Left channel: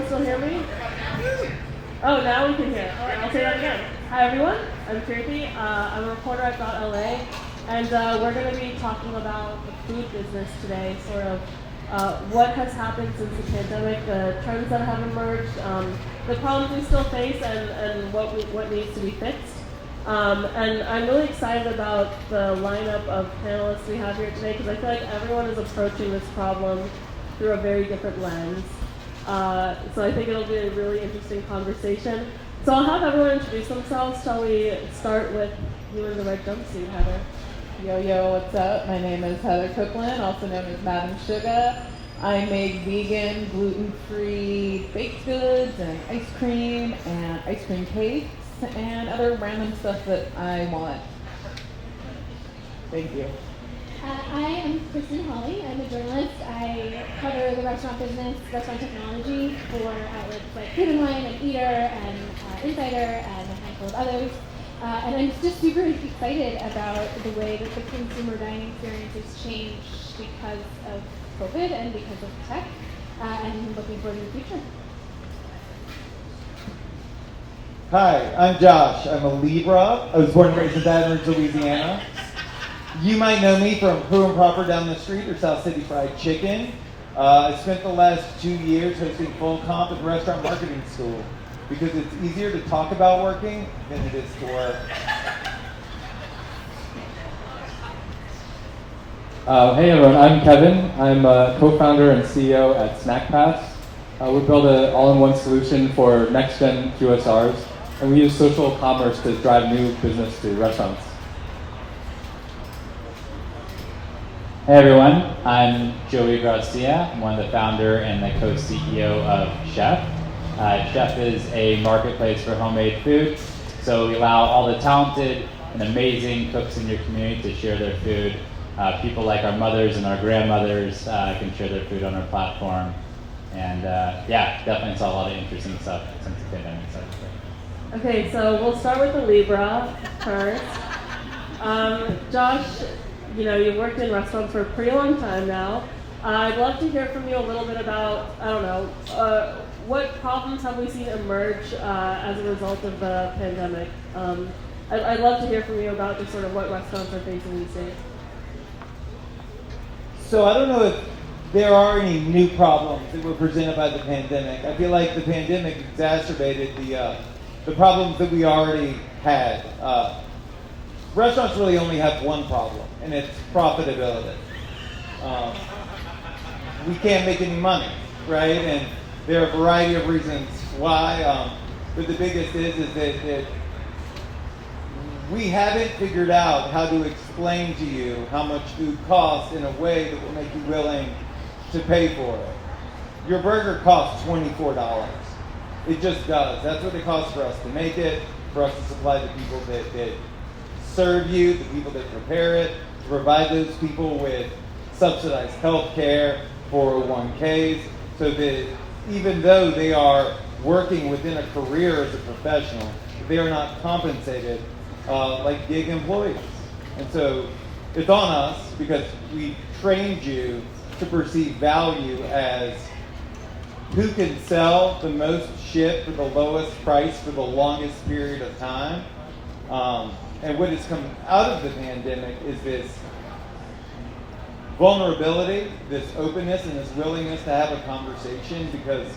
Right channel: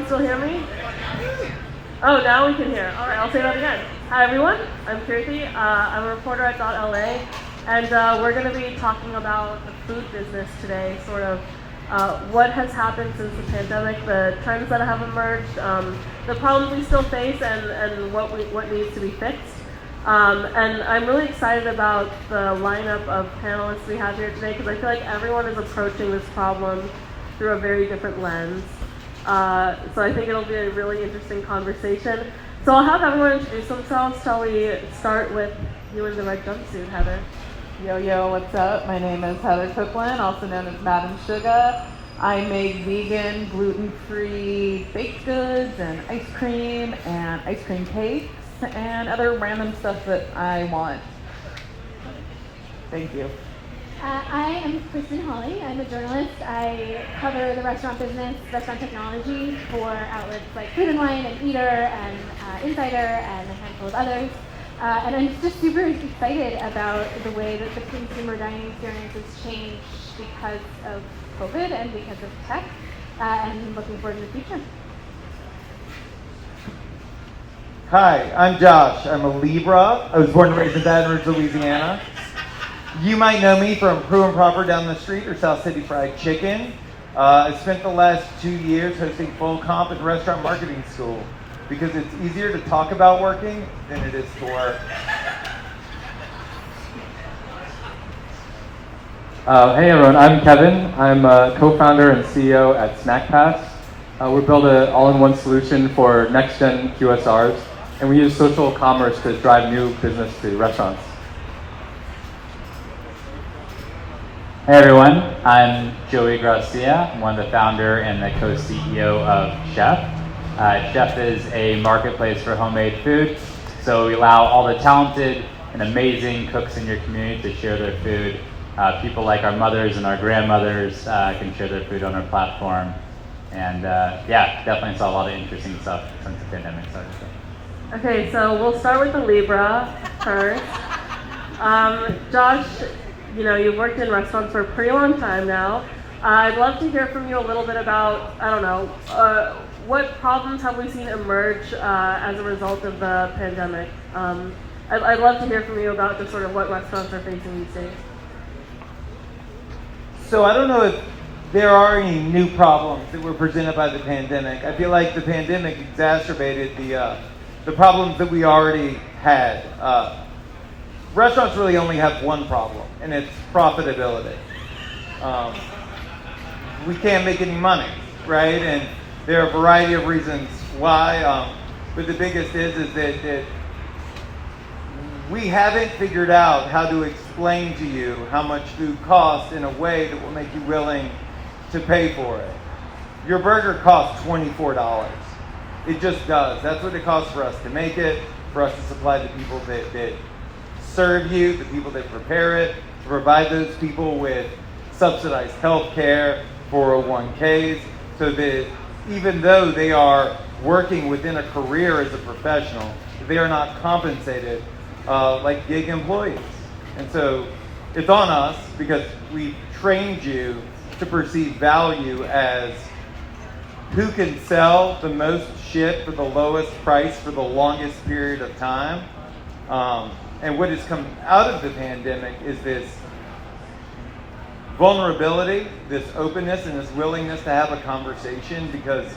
everyone still hear me? Oh, now we can hear. All right, I'll say that again. Hi, everyone. I'm Keerthi. I'm a reporter at dot.LA, and we're going to be talking about the food business today, sort of what has happened since the pandemic, the trends that have emerged, the problems we still face, and what needs to be fixed. And I'm really excited about the lineup of panelists we have here today, because I feel like everyone is approaching this problem through a very different lens. So I think it'll be a really interesting conversation. So I'll have everyone introduce themselves. Shall we start with you in the red jumpsuit, Heather? Yo, what's up? My name is Heather Kuklin, also known as Madam Shugah. I make vegan, gluten-free baked goods and ice cream cakes and other random stuff that I want. Thank you. I am Kristen Hawley. I'm a journalist. I cover the restaurant business, restaurant technology for outlets like Food & Wine and Eater and Insider and a handful of others. And I'm just super excited about the way that the consumer dining experience has changed because of COVID and because of tech, and looking forward to the future. Hi, I'm Josh. I'm a Libra. I was born and raised in Baton Rouge, Louisiana. You might know me from Crew and Proper down the street or South City Fried Chicken. I spent the last 2 years hosting full comp at restaurant marketing school because it's easier to talk about working than it is to work. Hey everyone, I'm Kevin. I'm a co-founder and CEO at Snackpass. We build an all-in-one solution for next-gen QSRs, and we use social commerce to drive new business to restaurants. Hey everyone, I'm Joey Grassia. I'm one of the founder and the co-CEO of Shef. Shef is a marketplace for homemade food, so we allow all the talented and amazing cooks in your community to share their food. People like our mothers and our grandmothers can share their food on our platform. And yeah, definitely saw a lot of interesting stuff since the pandemic started. Okay, so we'll start with the Libra first. Josh, you know, you've worked in restaurants for a pretty long time now. I'd love to hear from you a little bit about, I don't know, what problems have we seen emerge as a result of the pandemic? I'd love to hear from you about just sort of what restaurants are facing these days. So I don't know if there are any new problems that were presented by the pandemic. I feel like the pandemic exacerbated the problems that we already had. Restaurants really only have one problem, and it's profitability. We can't make any money, right? And there are a variety of reasons why, but the biggest is that we haven't figured out how to explain to you how much food costs in a way that will make you willing to pay for it. Your burger costs $24. It just does. That's what it costs for us to make it, for us to supply the people that serve you, the people that prepare it, to provide those people with subsidized health care, 401ks, so that even though they are working within a career as a professional, they are not compensated like gig employees. And so it's on us because we trained you to perceive value as who can sell the most shit for the lowest price for the longest period of time. And what has come out of the pandemic is this vulnerability, this openness, and this willingness to have a conversation, because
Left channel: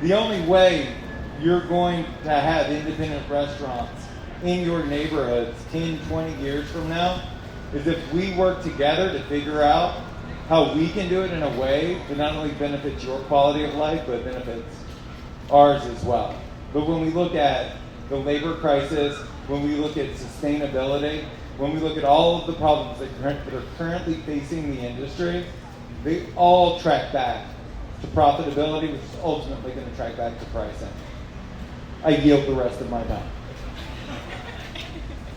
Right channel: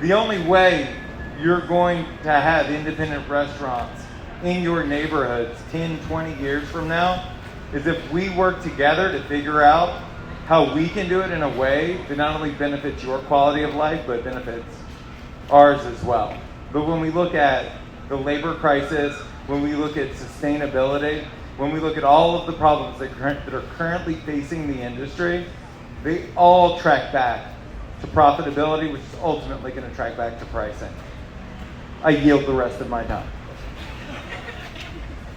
the only way you're going to have independent restaurants in your neighborhoods 10, 20 years from now is if we work together to figure out how we can do it in a way that not only benefits your quality of life, but benefits ours as well. But when we look at the labor crisis, when we look at sustainability, when we look at all of the problems that are currently facing the industry, they all track back to profitability, which is ultimately going to track back to pricing. I yield the rest of my time.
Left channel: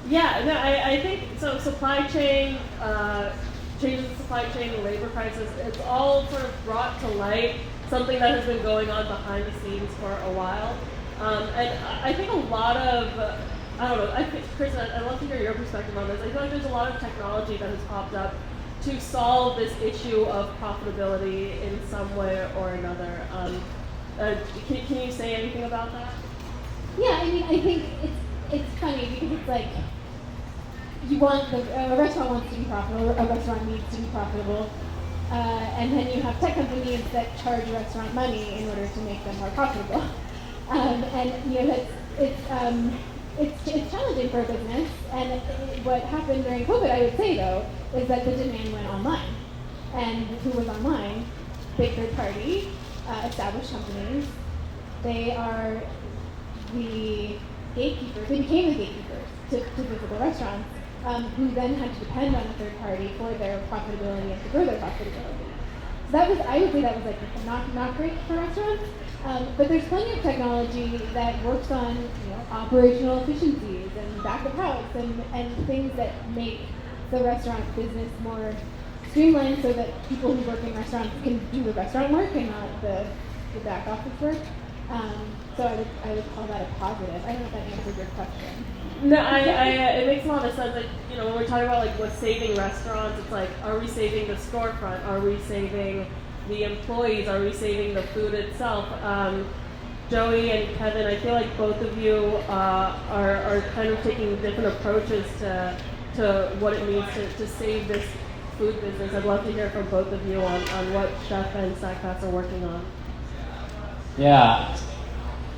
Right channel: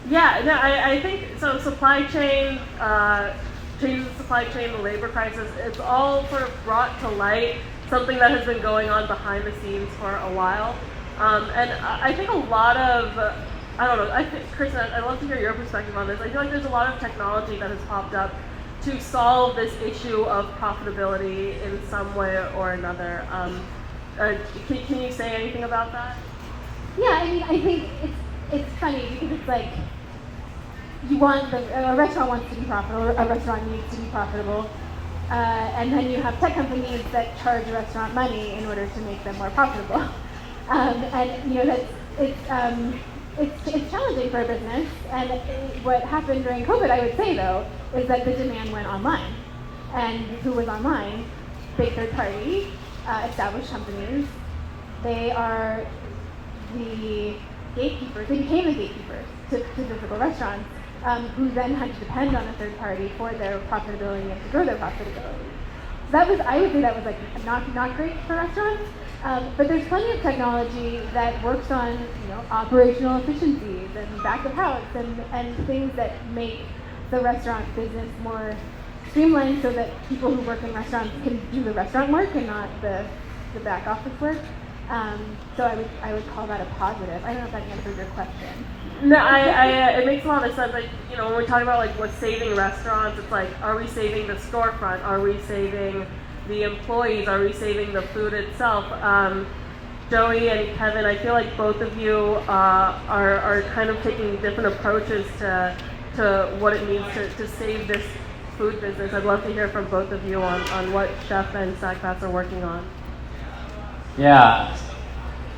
Yeah, no, I think so. Supply chain, changes in supply chain, the labor crisis, it's all sort of brought to light something that has been going on behind the scenes for a while. And I think a lot of, I don't know, I think, Kristen, I'd love to hear your perspective on this. I feel like there's a lot of technology that has popped up to solve this issue of profitability in some way or another. Can you say anything about that? Yeah, I mean, I think it's funny because it's like a restaurant wants to be profitable, a restaurant needs to be profitable, and then you have tech companies that charge a restaurant money in order to make them more profitable. And you know it's challenging for a business. And what happened during COVID, I would say though, is that the demand went online. And who was online? Big third party, established companies. They are the gatekeepers. They became the gatekeepers to physical restaurants, who then had to depend on a third party for their profitability and to grow their profitability. So I would say that was like not great for restaurants. But there's plenty of technology that works on operational efficiencies and back of house and things that make the restaurant business more streamlined so that people who work in restaurants can do the restaurant work and not the back office work. So I would call that a positive. I don't know if that answers your question. No, it makes a lot of sense. Like, when we're talking about like what's saving restaurants, it's like, are we saving the storefront? Are we saving the employees? Are we saving the food itself? Joey and Kevin, I feel like both of you are kind of taking different approaches to what it means to save this food business. I'd love to hear from both of you on what Shef and Snackpass are working on. Yeah.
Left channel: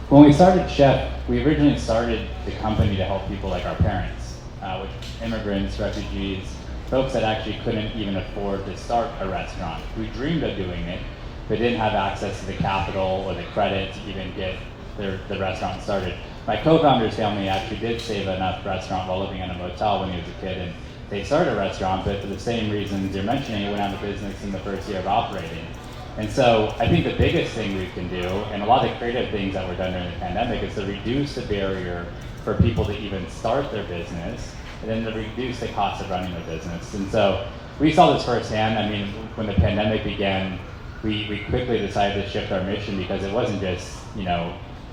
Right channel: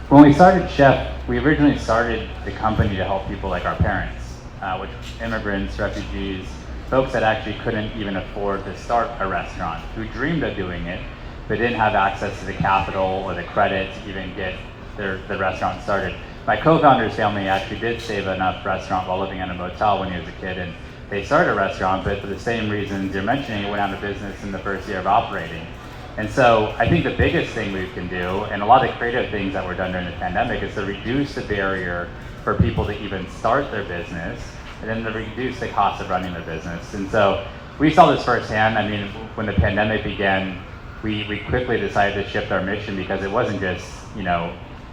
When we started Shef, we originally started the company to help people like our parents, which immigrants, refugees, folks that actually couldn't even afford to start a restaurant, who dreamed of doing it, but didn't have access to the capital or the credit to even get the restaurant started. My co-founder's family actually did save enough restaurant while living in a motel when he was a kid, and they started a restaurant, but for the same reasons you're mentioning, it went out of business in the first year of operating. And so I think the biggest thing we can do, and a lot of the creative things that were done during the pandemic, is to reduce the barrier for people to even start their business, and then to reduce the cost of running their business. And so we saw this firsthand. I mean, when the pandemic began, we quickly decided to shift our mission because it wasn't just,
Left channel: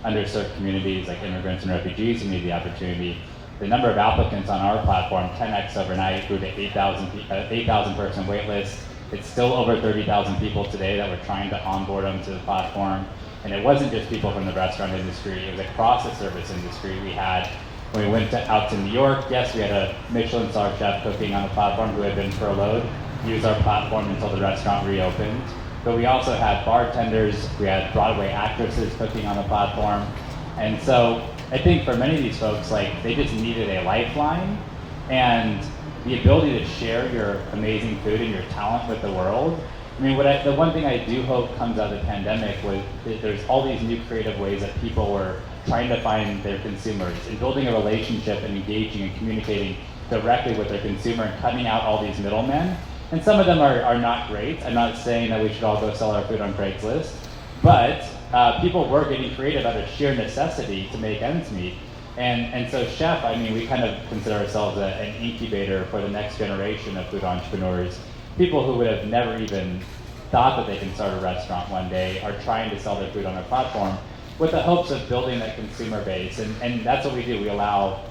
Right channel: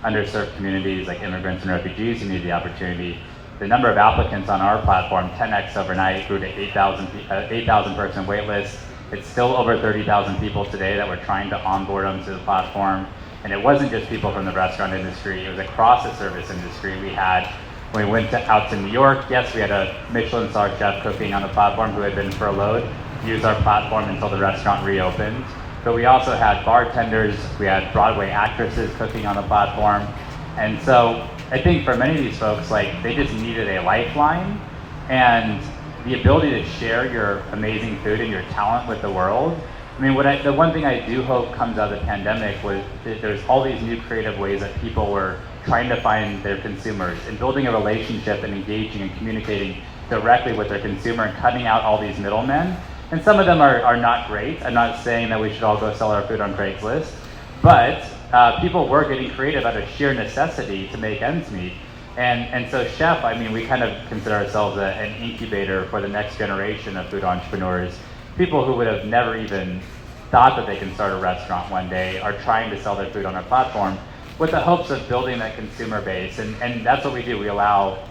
underserved communities like immigrants and refugees who need the opportunity. The number of applicants on our platform 10x overnight, grew to 8,000 person wait list. It's still over 30,000 people today that we're trying to onboard onto the platform. And it wasn't just people from the restaurant industry, it was across the service industry. When we went out to New York, yes, we had a Michelin star chef cooking on the platform who had been furloughed, use our platform until the restaurant reopened. But we also had bartenders, we had Broadway actresses cooking on the platform. And so I think for many of these folks, they just needed a lifeline, and the ability to share your amazing food and your talent with the world. I mean, the one thing I do hope comes out of the pandemic was that there's all these new creative ways that people were trying to find their consumers and building a relationship and engaging and communicating directly with their consumer and cutting out all these middlemen. And some of them are not great. I'm not saying that we should all go sell our food on Craigslist, but people were getting creative out of sheer necessity to make ends meet. And so Shef, I mean, we kind of consider ourselves an incubator for the next generation of food entrepreneurs. People who would have never even thought that they can start a restaurant one day are trying to sell their food on our platform with the hopes of building that consumer base. And that's what we do. We allow,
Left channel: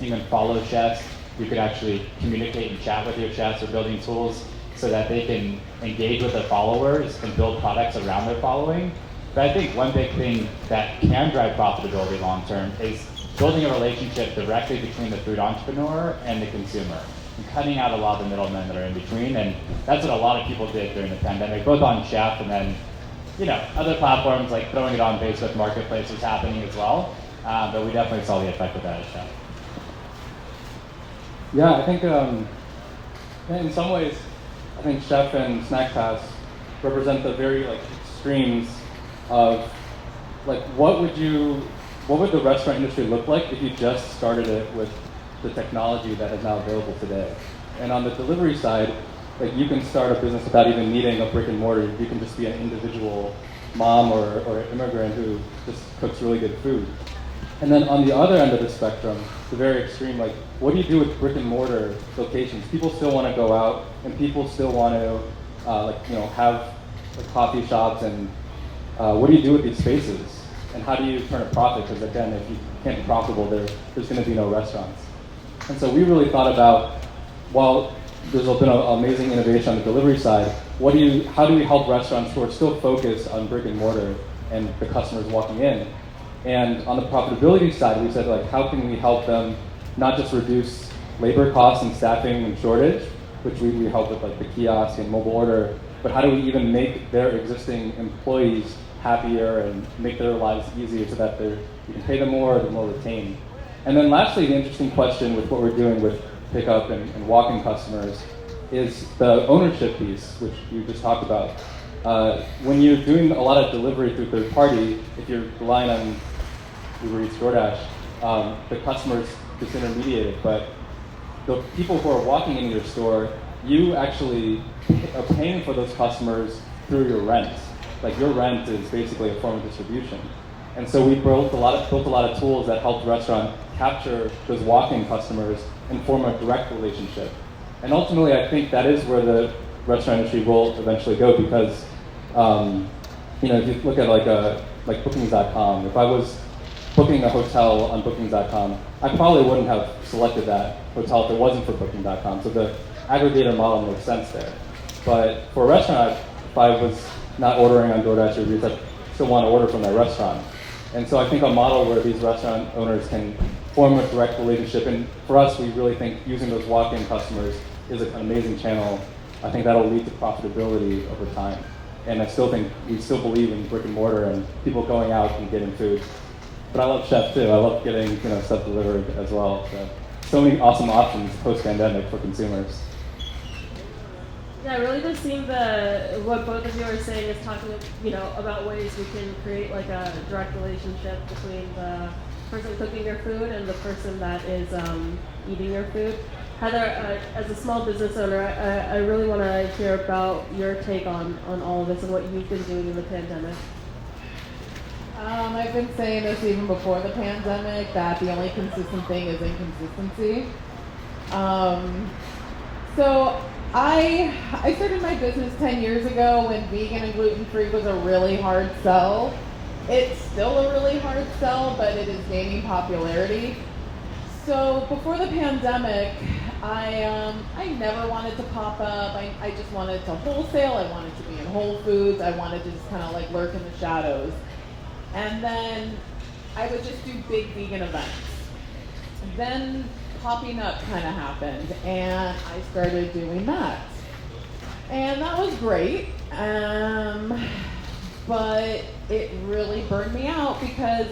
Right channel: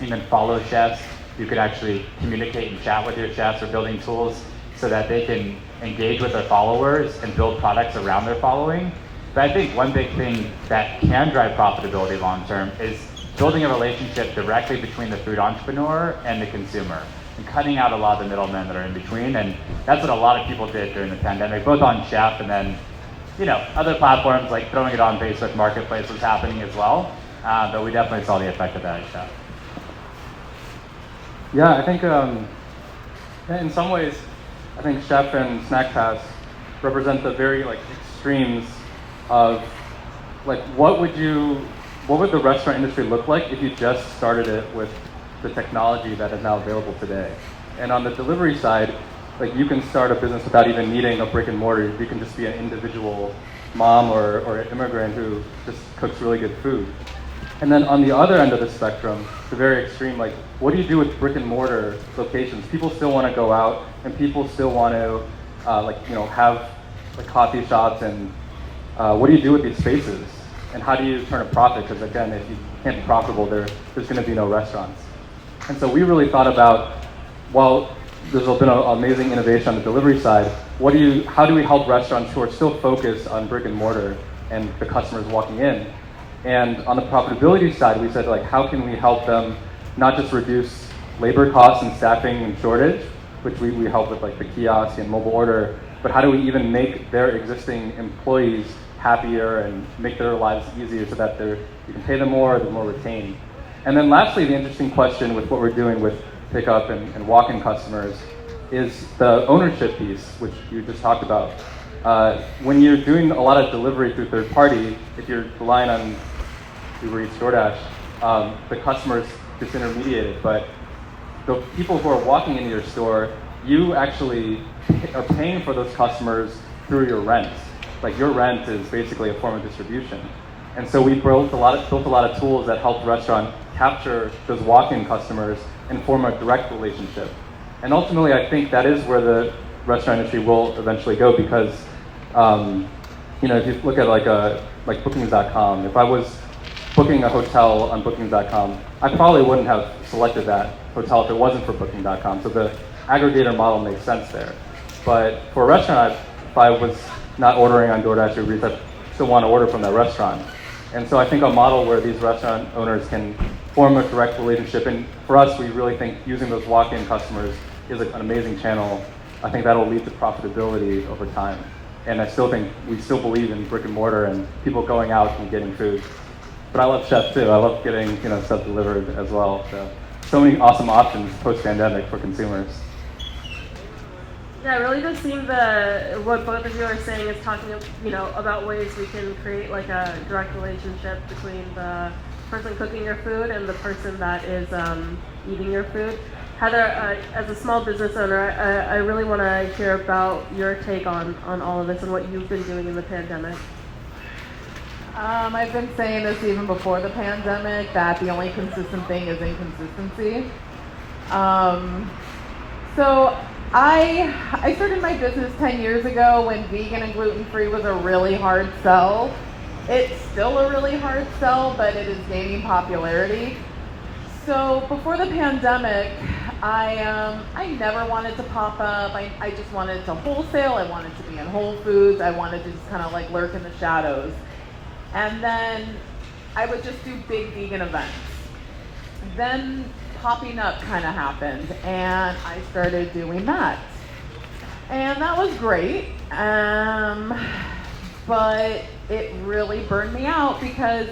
you can follow chefs. You can actually communicate and chat with your chefs. We're building tools so that they can engage with their followers and build products around their following. But I think one big thing that can drive profitability long term is building a relationship directly between the food entrepreneur and the consumer, and cutting out a lot of the middlemen that are in between. And that's what a lot of people did during the pandemic, both on Shef and then, other platforms like throwing it on Facebook Marketplace was happening as well. But we definitely saw the effect of that at Shef. Yeah, I think in some ways, I think Shef and Snackpass represent the very extremes of what would the restaurant industry look like if you just started it with the technology that is now available today? And on the delivery side, you can start a business without even needing a brick and mortar. You can just be an individual mom or an immigrant who just cooks really good food. And then on the other end of the spectrum, the very extreme, what do you do with brick and mortar locations? People still want to go out, and people still want to have coffee shops, and what do you do with these spaces? And how do you turn a profit? Because again, if you can't be profitable, there's going to be no restaurants. And so we really thought about, well, there's been an amazing innovation on the delivery side. How do we help restaurants who are still focused on brick and mortar and the customers walking in. And on the profitability side, we said, like, how can we help them not just reduce labor costs and staffing and shortage, which we help with, like the kiosk and mobile order, but how do we even make their existing employees happier and make their lives easier so that you can pay them more, they're more retained. And then lastly, the interesting question with what we're doing with pickup and walk-in customers is the ownership piece, which you just talked about. When you're doing a lot of delivery through third party, if you're relying on Uber Eats, DoorDash, the customer's disintermediated, but the people who are walking into your store, you actually are paying for those customers through your rent. Like, your rent is basically a form of distribution. And so we built a lot of tools that help the restaurant capture those walk-in customers and form a direct relationship. And ultimately, I think that is where the restaurant industry will eventually go, because if you look at like Bookings.com, if I was booking a hotel on Bookings.com, I probably wouldn't have selected that hotel if it wasn't for Booking.com. So the aggregator model makes sense there. But for a restaurant, if I was not ordering on DoorDash or Uber Eats, I still want to order from that restaurant. And so I think a model where these restaurant owners can form a direct relationship, and for us, we really think using those walk-in customers is an amazing channel. I think that'll lead to profitability over time. And we still believe in brick and mortar and people going out and getting food. But I love Shef too. I love getting stuff delivered as well. So many awesome options post-pandemic for consumers. Yeah, it really does seem what both of you are saying is talking, about ways we can create like a direct relationship between the person cooking your food and the person that is eating your food. Heather, as a small business owner, I really want to hear about your take on all of this and what you've been doing in the pandemic. I've been saying this even before the pandemic, that the only consistent thing is inconsistency. So I started my business 10 years ago when vegan and gluten-free was a really hard sell. It's still a really hard sell, but it is gaining popularity. So before the pandemic, I never wanted to pop up. I just wanted to wholesale. I wanted to be in Whole Foods. I wanted to just kind of like lurk in the shadows. And then I would just do big vegan events. Then popping up kind of happened, and I started doing that. And that was great, but it really burned me out because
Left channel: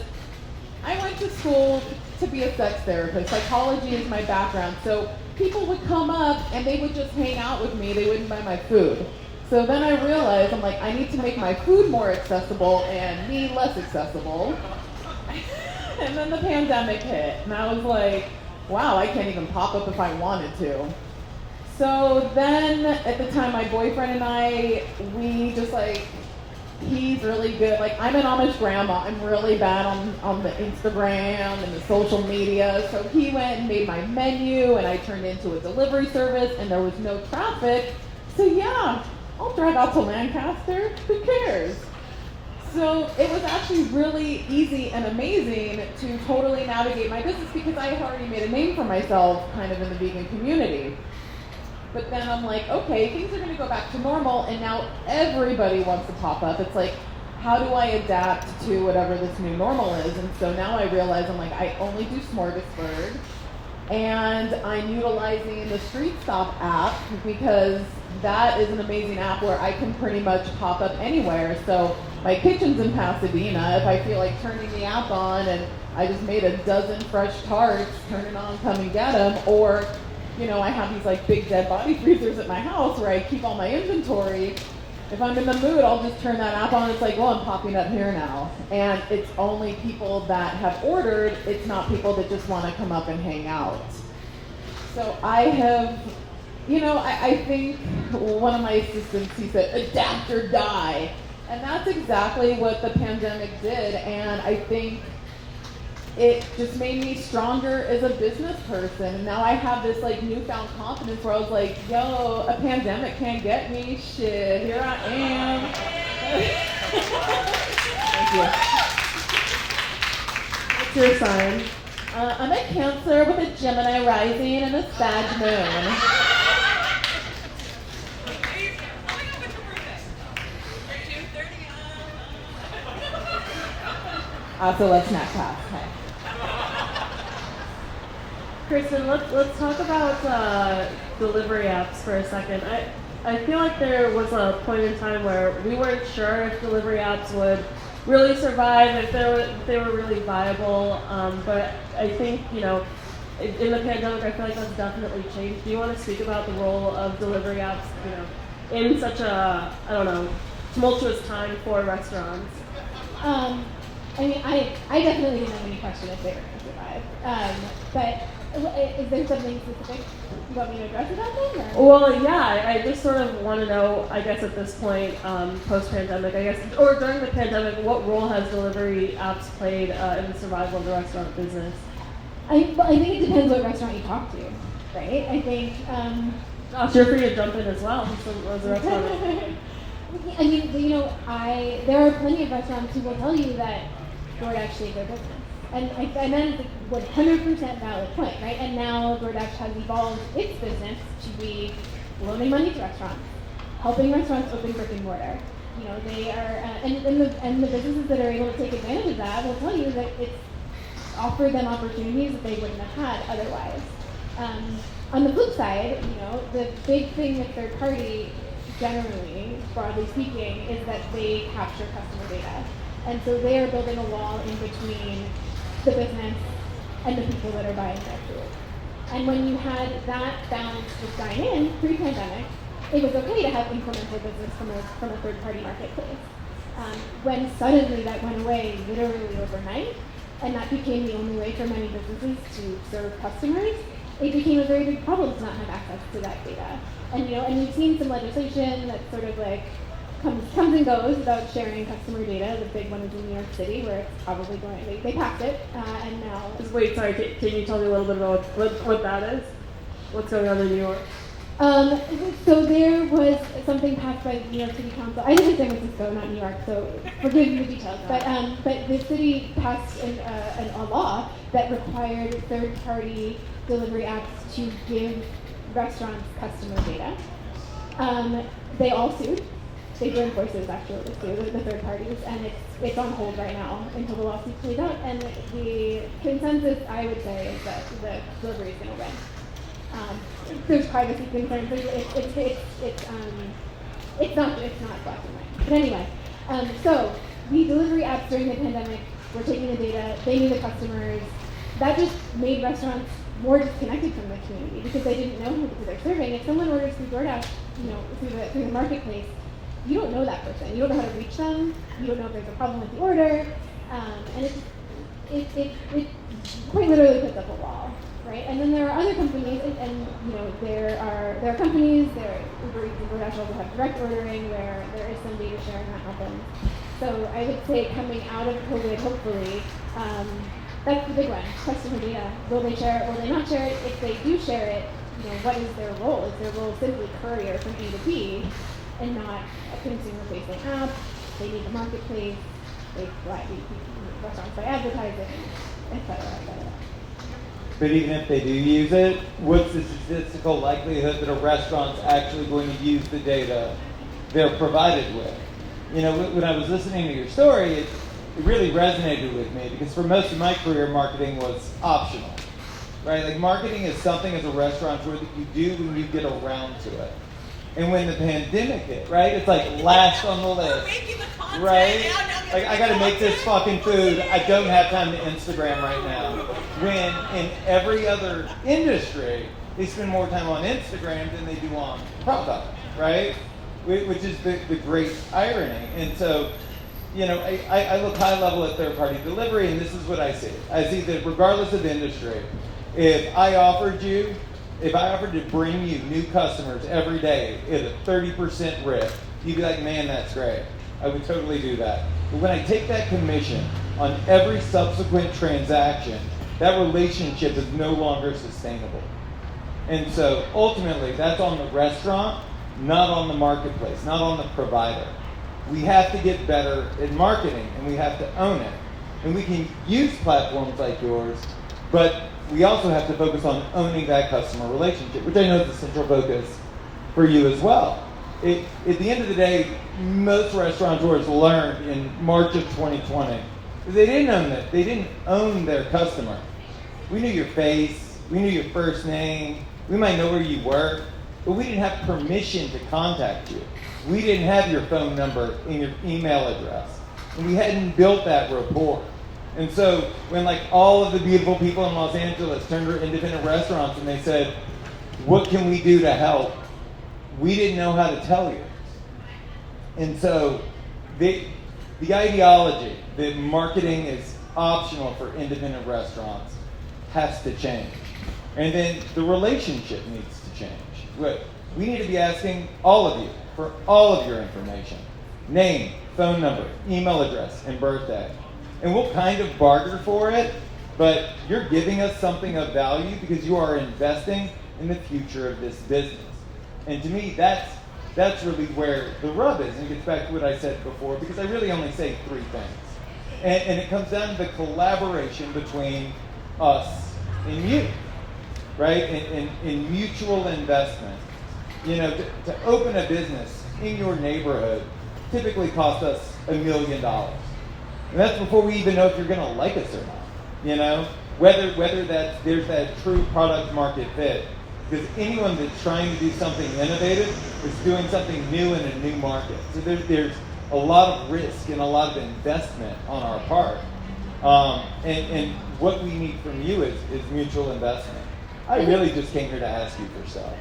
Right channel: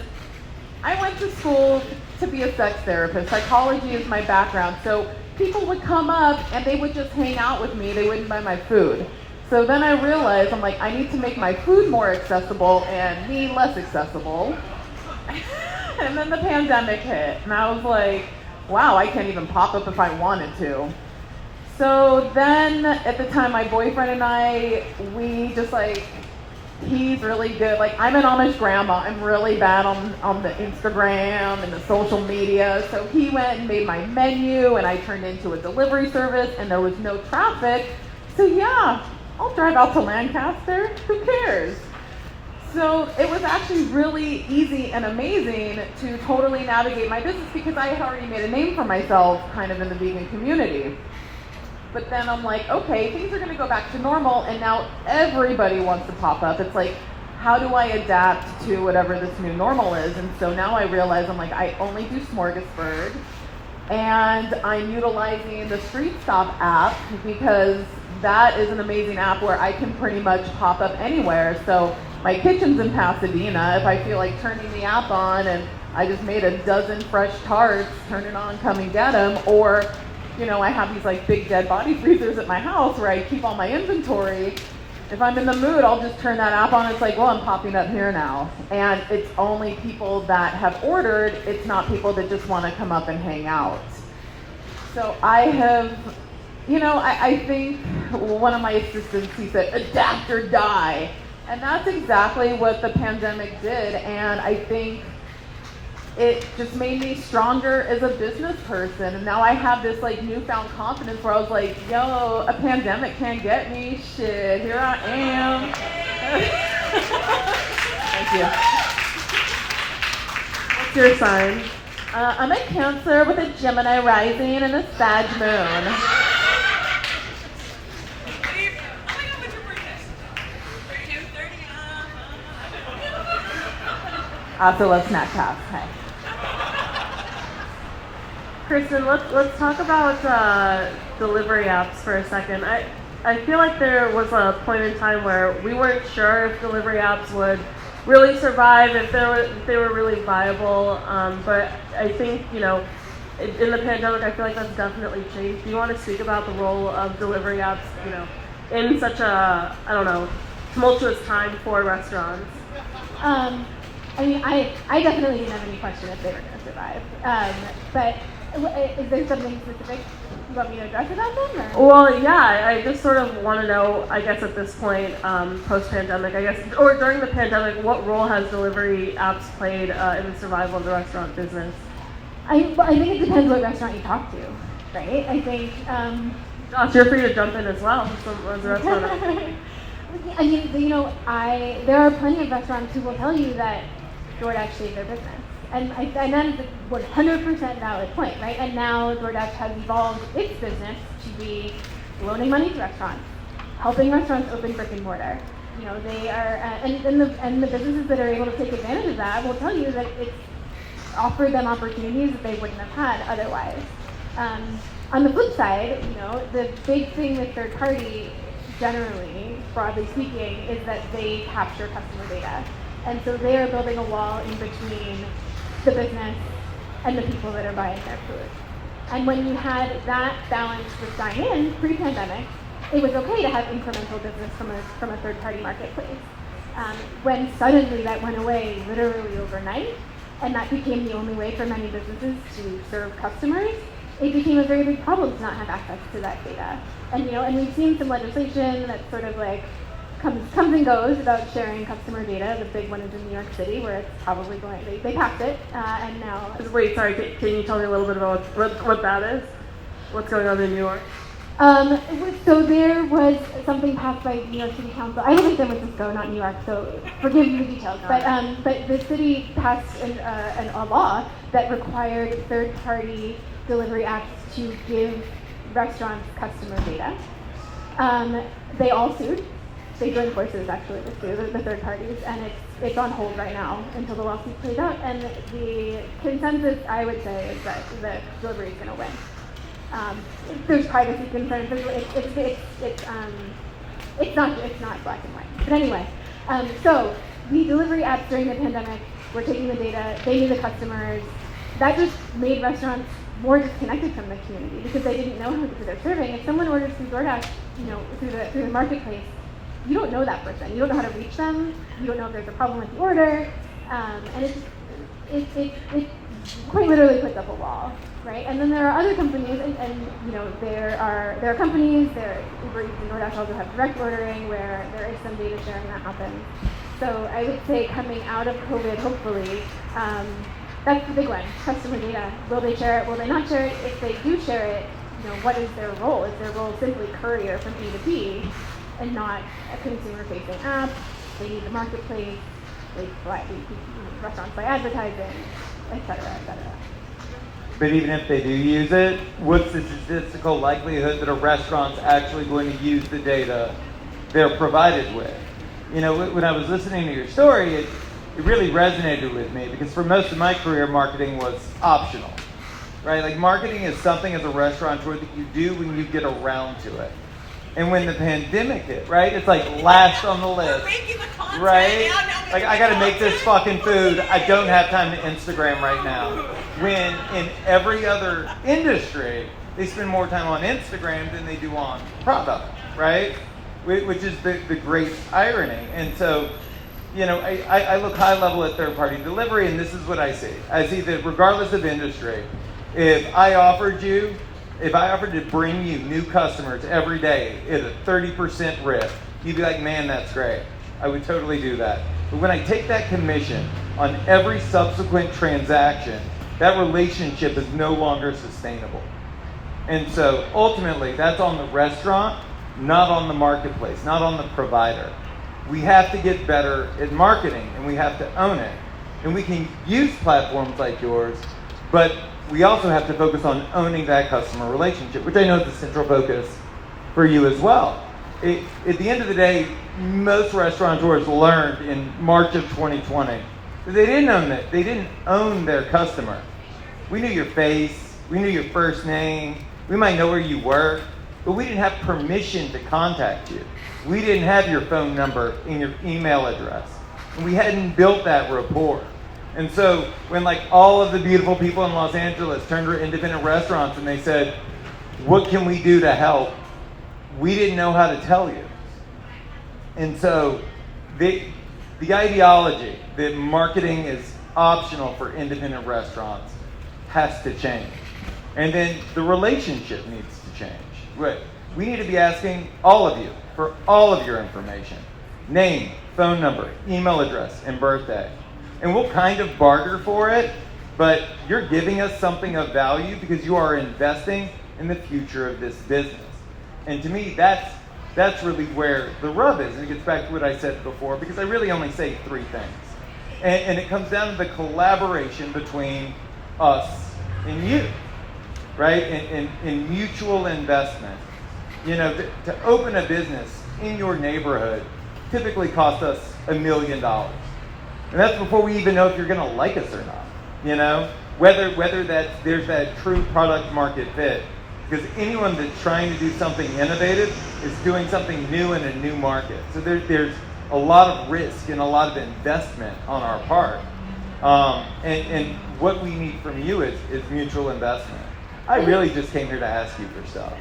I went to school to be a sex therapist. Psychology is my background. So people would come up and they would just hang out with me. They wouldn't buy my food. So then I realized, I'm like, I need to make my food more accessible and me less accessible. And then the pandemic hit, and I was like, wow, I can't even pop up if I wanted to. So then at the time, my boyfriend and I, we just he's really good. Like, I'm an Amish grandma. I'm really bad on the Instagram and the social media. So he went and made my menu, and I turned into a delivery service, and there was no traffic. So yeah, I'll drive out to Lancaster. Who cares? So it was actually really easy and amazing to totally navigate my business because I had already made a name for myself kind of in the vegan community. But then I'm like, okay, things are going to go back to normal, and now everybody wants to pop up. It's like, how do I adapt to whatever this new normal is? And so now I realize I'm like, I only do Smorgasburg, and I'm utilizing the Street Stop app because that is an amazing app where I can pretty much pop up anywhere. So my kitchen's in Pasadena. If I feel like turning the app on and I just made a dozen fresh tarts, turn it on, come and get them. Or, I have these big dead body freezers at my house where I keep all my inventory. If I'm in the mood, I'll just turn that app on. It's like, well, I'm popping up here now. And it's only people that have ordered. It's not people that just want to come up and hang out. So I have, I think one of my assistants, he said, adapt or die. And that's exactly what the pandemic did. And I think it just made me stronger as a business person. And now I have this newfound confidence where I was like, yo, a pandemic can't get me. Shit, here I am. Thank you. What's your sign? I'm a Cancer with a Gemini rising and a Sag moon. I also love Snackpass. Hey. Kristen, let's talk about delivery apps for a second. I feel like there was a point in time where we weren't sure if delivery apps would really survive, if they were really viable. But I think, you know, in the pandemic, I feel like that's definitely changed. Do you want to speak about the role of delivery apps, you know, in such a, I don't know, tumultuous time for restaurants? I mean, I definitely didn't have any question if they were going to survive. But is there something specific you want me to address about them? Or? Well, yeah, I just sort of want to know, I guess at this point, post-pandemic, I guess, or during the pandemic, what role has delivery apps played in the survival of the restaurant business? I think it depends what restaurant you talk to, right? I think... Josh, you're free to jump in as well, as a restaurant. I mean, you know, there are plenty of restaurants who will tell you that DoorDash saved their business. And that is a 100% valid point, right? And now DoorDash has evolved its business to be loaning money to restaurants, helping restaurants open brick and mortar. You know, they are, and the businesses that are able to take advantage of that will tell you that it's offered them opportunities that they wouldn't have had otherwise. On the flip side, you know, the big thing with third party, generally, broadly speaking, is that they capture customer data. And so they are building a wall in between the business and the people that are buying their food. And when you had that balance with dine-in pre-pandemic, it was okay to have incremental business from a third-party marketplace. When suddenly that went away literally overnight, and that became the only way for many businesses to serve customers, it became a very big problem to not have access to that data. And you know, and we've seen some legislation that sort of like comes and goes about sharing customer data. The big one is in New York City, where it's probably going. They passed it, and now. Wait, sorry. Can you tell me a little bit about what that is? What's going on in New York? So there was something passed by New York City Council. I live in San Francisco, not New York, so forgive me the details. But the city passed a law that required third-party delivery apps to give restaurants customer data. They all sued. They joined forces actually to sue the third parties, and it's on hold right now until the lawsuit plays out. And the consensus, I would say, is that the delivery is going to win. There's privacy concerns. It's not black and white. But anyway, so the delivery apps during the pandemic were taking the data, they knew the customers. That just made restaurants more disconnected from the community because they didn't know who they're serving. If someone orders through DoorDash, you know, through the marketplace, you don't know that person. You don't know how to reach them. You don't know if there's a problem with the order, and it quite literally puts up a wall, right? And then there are other companies, and you know, there are companies. Uber Eats and DoorDash also have direct ordering where there is some data sharing that happens. So I would say coming out of COVID, hopefully, that's the big one. Customer data. Will they share it? Will they not share it? If they do share it, you know, what is their role? Is their role simply courier from B to B and not a consumer-facing app? They need the marketplace. Restaurants buy advertising, et cetera, et cetera. But even if they do use it, what's the statistical likelihood that a restaurant's actually going to use the data they're provided with? You know, when I was listening to your story, it really resonated with me because for most of my career, marketing was optional, right? Like marketing is something as a restaurateur that you do when you get around to it. And when the pandemic hit, right? It's like last on the list, we're making the content, right? yeah, Like I got to make this fucking food. I don't have time to Instagram right now. When in every other industry, they spend more time on Instagram than they do on product, right? Which is the great irony. And so, you know, I look high level at third-party delivery, and this is what I see. I see that regardless of industry, if I offered to bring you new customers every day at a 30% rip, you'd be like, man, that's great. I would totally do that. But when I take that commission on every subsequent transaction, that relationship is no longer sustainable. And so ultimately, that's on the restaurant, not on the marketplace, not on the provider. We have to get better at marketing, and we have to own it. And we can use platforms like yours, but we also have to focus on owning that customer relationship, which I know is a central focus for you as well. At the end of the day, most restaurateurs learned in March of 2020 They didn't own it. They didn't own their customer. We knew your face. We knew your first name. We might know where you work, but we didn't have permission to contact you. We didn't have your phone number and your email address. And we hadn't built that rapport. And so when like all of the beautiful people in Los Angeles turned to independent restaurants and they said, what can we do to help? We didn't know how to tell you. And so the ideology that marketing is optional for independent restaurants has to change. And then the relationship needs to change. We need to be asking all of you for all of your information. Name, phone number, email address, and birthday. And we'll kind of barter for it, but you're giving us something of value because you are investing in the future of this business. And to me, that's really where the rub is. And it gets back to what I said before, because I really only say three things. And it comes down to the collaboration between us and you, right? In mutual investment. You know, to open a business in your neighborhood typically costs us $1 million. And that's before we even know if you're gonna like us or not. You know? Whether there's that true product market fit. Because anyone that's trying to do something innovative is doing something new in a new market. So there's a lot of risk and a lot of investment on our part. And what we need from you is mutual investment. I really just came here to ask you for stuff.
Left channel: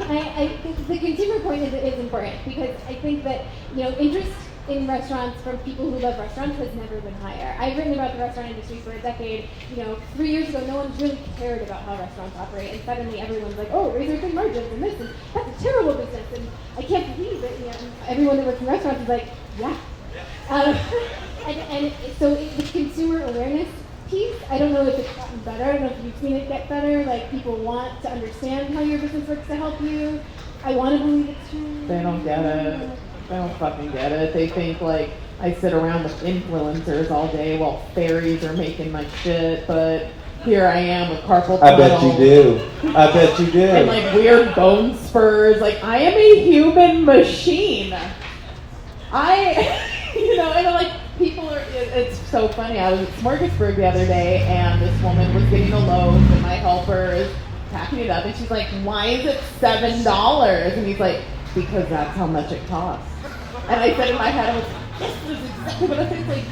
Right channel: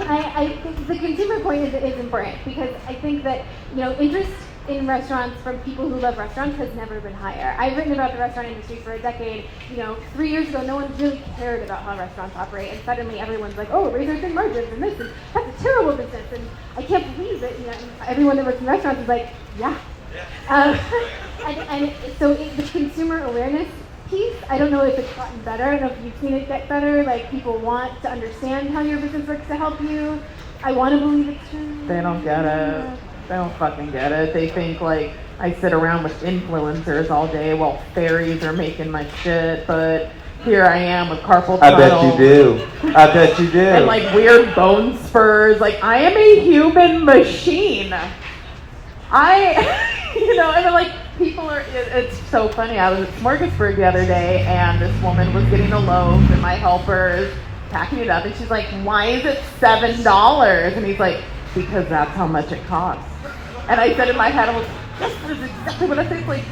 I think the consumer point is important, because I think that, you know, interest in restaurants from people who love restaurants has never been higher. I've written about the restaurant industry for a decade. You know, 3 years ago, no one really cared about how restaurants operate, and suddenly everyone's like, oh, raise margins and this, and that's a terrible business, and I can't believe it. You know, everyone that works in restaurants is like, yeah. And so the consumer awareness piece, I don't know if it's gotten better. I don't know if you've seen it get better. Like, people want to understand how your business works to help you. I want to believe it's true. They don't get it. They don't fucking get it. They think like I sit around with influencers all day while fairies are making my shit, but here I am with carpal tunnel. I bet you do. I bet you do. And like weird bone spurs. Like, I am a human machine. You know, and then, like, people are, it's so funny. I was at Smorgasburg the other day, and this woman was getting a loaf, and my helper's packing it up, and she's like, why is it $7? And he's like, because that's how much it costs. And I said in my head, I was, this is exactly what I think. Like,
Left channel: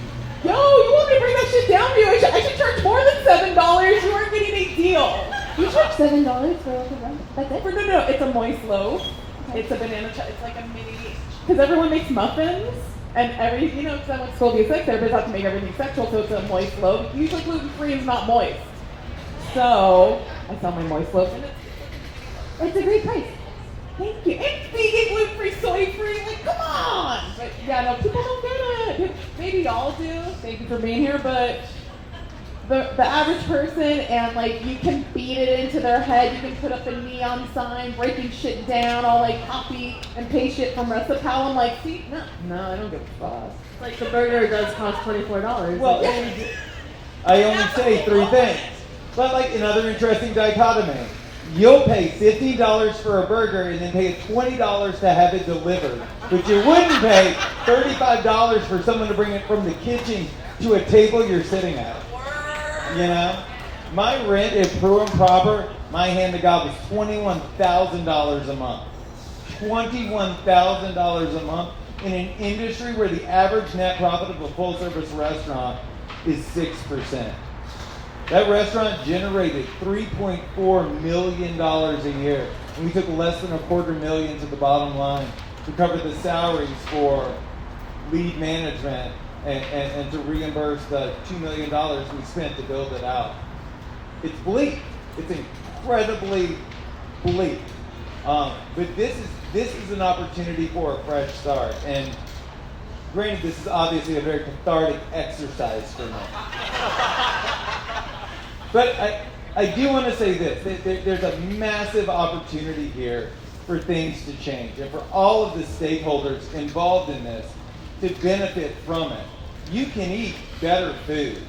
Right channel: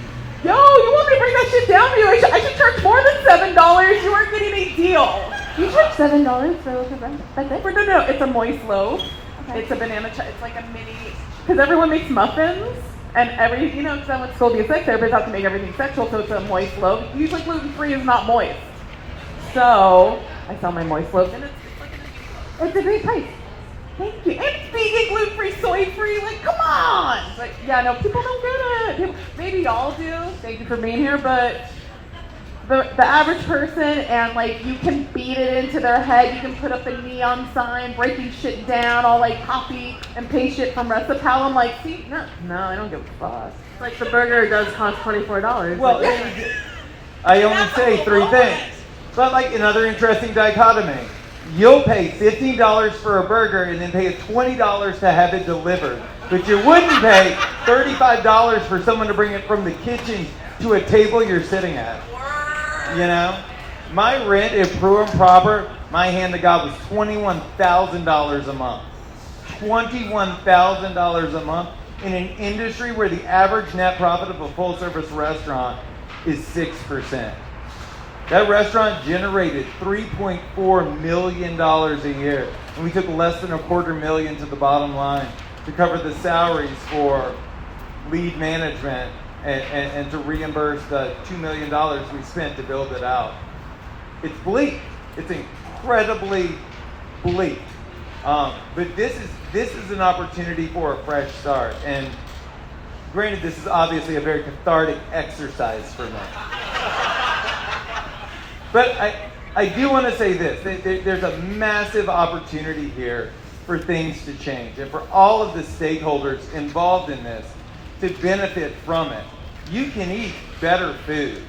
yo, you want me to bring that shit down for you? I should charge more than $7. You aren't getting a deal. You charge $7 for a loaf of bread? That's it? No, it's a moist loaf. Okay. It's a banana it's like a mini, because everyone makes muffins. And you know, because I went to school to be a sex therapist, I have to make everything sexual, so it's a moist loaf. Usually gluten-free is not moist. So, I sell my moist loaf, and it's a great price. Thank you. It's vegan, gluten-free, soy-free, like, come on! But yeah, no, people don't get it. Maybe y'all do. Thank you for being here, but the average person, and like, you can beat it into their head, you can put up a neon sign, breaking shit down, all like copy and paste shit from Restipal. I'm like, see, no, I don't give a fuck. Like, the burger does cost $24. Well, I only say three things. But like, another interesting dichotomy. You'll pay $15 for a burger and then pay $20 to have it delivered. But you wouldn't pay $35 for someone to bring it from the kitchen to a table you're sitting at. You know? My rent, if prim and proper, my hand to God was $21,000 a month. $21,000 a month in an industry where the average net profit of a full-service restaurant is 6%. That restaurant generated $3.4 million a year, and we took less than $250,000 to the bottom line to cover the salaries for lead management and to reimburse the $2 million we spent to build it out. It's bleak. It's incredibly bleak. But this is an opportunity for a fresh start. And granted, this is obviously a very cathartic exercise for me. But I do want to say this. There's a massive opportunity here for things to change and for all of the stakeholders involved in this to benefit from it. You can eat better food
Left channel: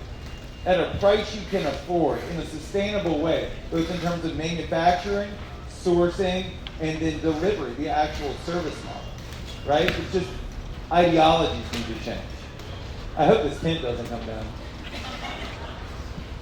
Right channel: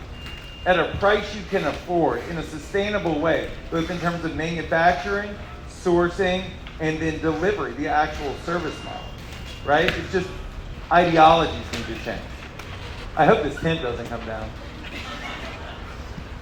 at a price you can afford in a sustainable way, both in terms of manufacturing, sourcing, and then delivery, the actual service model, right? It's just ideologies need to change. I hope this tent doesn't come down.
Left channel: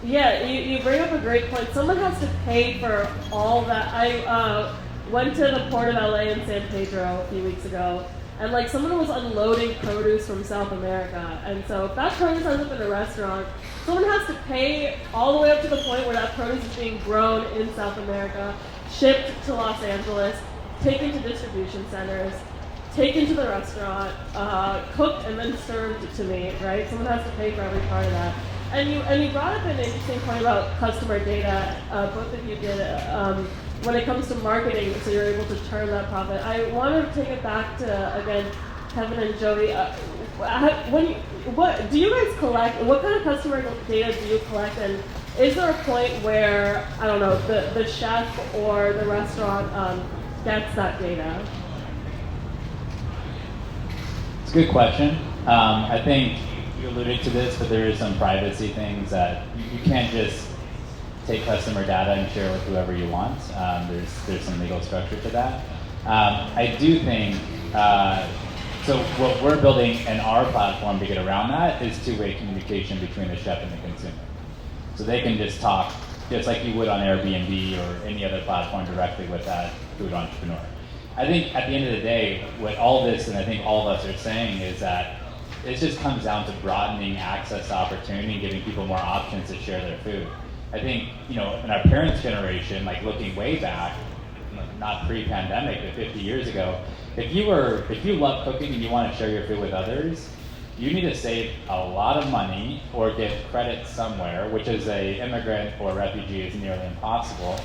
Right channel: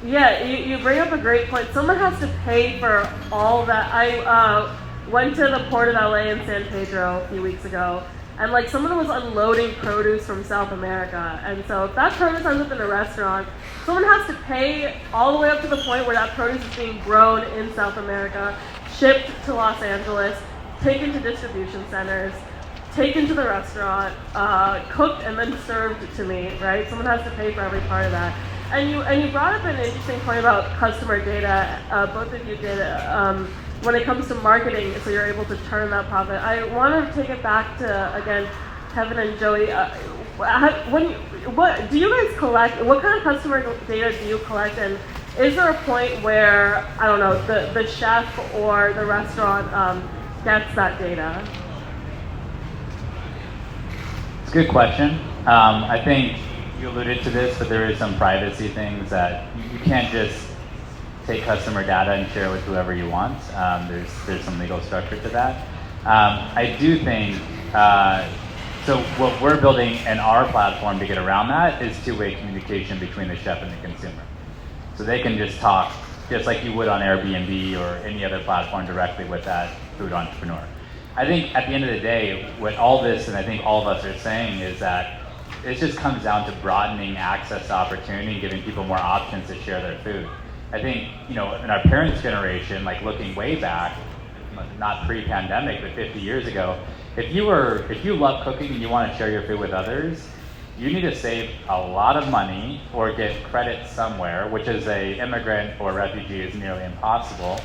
Yeah, you bring up a great point. Someone has to pay for all that. I went to the port of LA in San Pedro a few weeks ago, and like someone was unloading produce from South America. And so if that produce ends up in a restaurant, someone has to pay all the way up to the point where that produce is being grown in South America, shipped to Los Angeles, taken to distribution centers, taken to the restaurant, cooked and then served to me, right? Someone has to pay for every part of that. And you brought up an interesting point about customer data. Both of you did when it comes to marketing, so you're able to turn that profit. I want to take it back to again, Kevin and Joey. What do you guys collect? What kind of customer data do you collect? And is there a point where I don't know the chef or the restaurant gets that data? It's a good question. I think you alluded to this, but there is some privacy things that you can't just take customer data and share with whoever you want. There's some legal structure to that. I do think, so what we're building in our platform to get around that is two-way communication between the chef and the consumer. So they can just talk, just like you would on Airbnb or any other platform directly with that food entrepreneur. I think at the end of the day, what all this, and I think all of us are saying, is that it just comes down to broadening access to opportunity and giving people more options to share their food. I think, in our parents' generation, like looking way back, not pre-pandemic, but 50 years ago, if you love cooking and you want to share your food with others, you need to save a lot of money or get credit somewhere, which as a immigrant or refugee is nearly impossible.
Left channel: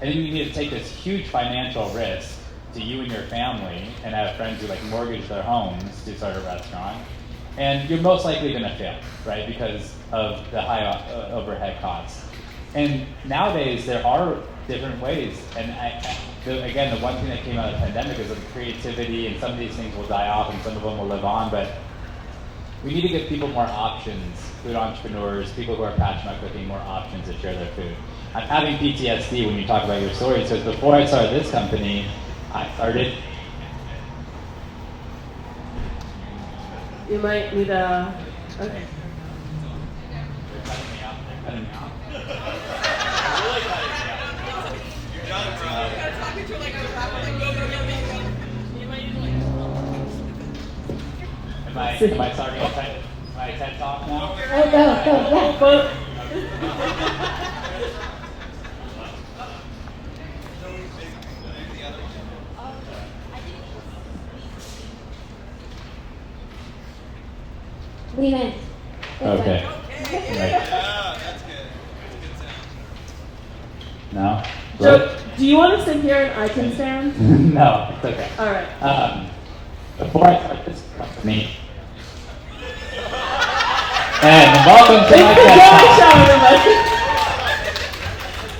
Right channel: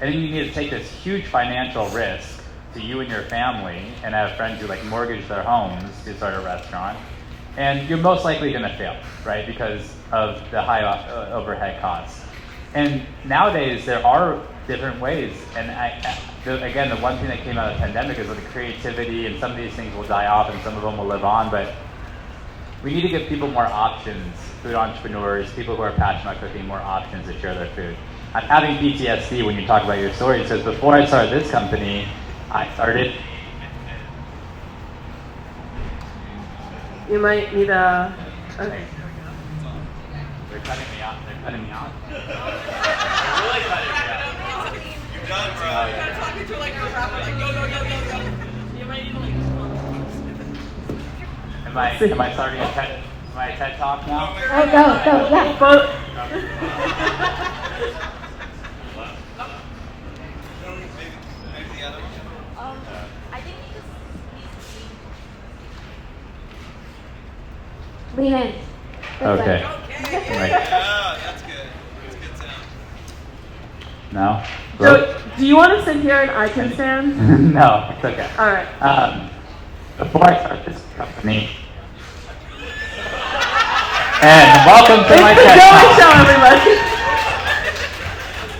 And then you need to take this huge financial risk to you and your family, and I have friends who like mortgage their homes to start a restaurant. And you're most likely going to fail, right? Because of the high overhead costs. And nowadays there are different ways. And again, the one thing that came out of the pandemic is that the creativity and some of these things will die off and some of them will live on. But we need to give people more options, food entrepreneurs, people who are passionate about cooking, more options to share their food. I'm having PTSD when you talk about your story. It says before I started this company, I started. You might need a. Okay. They're cutting me off. They're cutting me off. You're done, bro. You gotta talk into like a rapper, like go, go, go, go, go. You might need to like. Am I starting a TED talk now? Go, yeah. Lean in. Okay. Yeah, that's good. Good sound. No? So, do you want to sit here and I can stand? No, it's okay. All right. Before I started this company, and welcome to my TED